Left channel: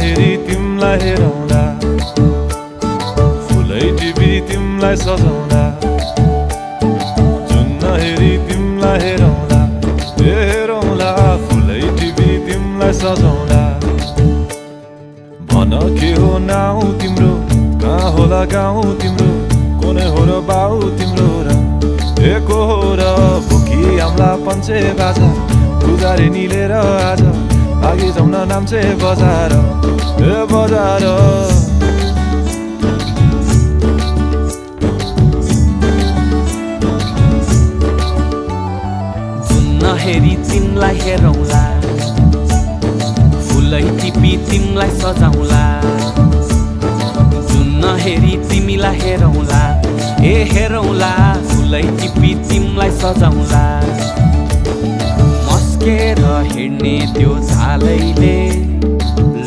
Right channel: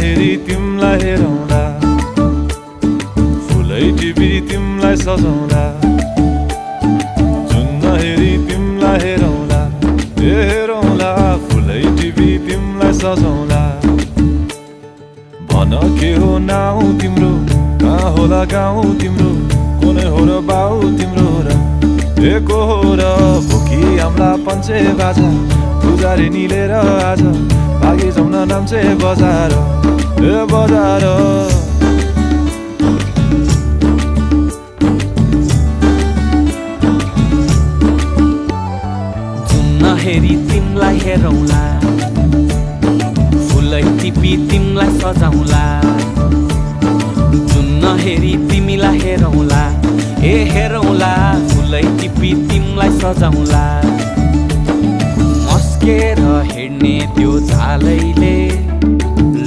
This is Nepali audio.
हेरी तिमलाई हेरौँला, फुलै टिपी तिमलाई सजाउँला। जुन हेरी तिमलाई हेरौँला, हेरौँला, फुलै टिपी तिमलाई सजाउँला। भन के हो नाउँ तिम्रो, कहाँ होला गाउँ तिम्रो, कोने हो र बाउ तिम्रो र एको हो र। भोकी आम्ला पञ्चे बाजा पुजारी निलेर आज भागी जाउँ न नाम्चे बजार, ए बजार। जुन हेरी तिमलाई हेरौँला, फुलै टिपी तिमलाई सजाउँला। जुन हेरी तिमीलाई हेरौँला, ए हेरौँला, फुलै टिपी तिमलाई सजाउँला। मस्केर हिँड्ने त्यो झालैले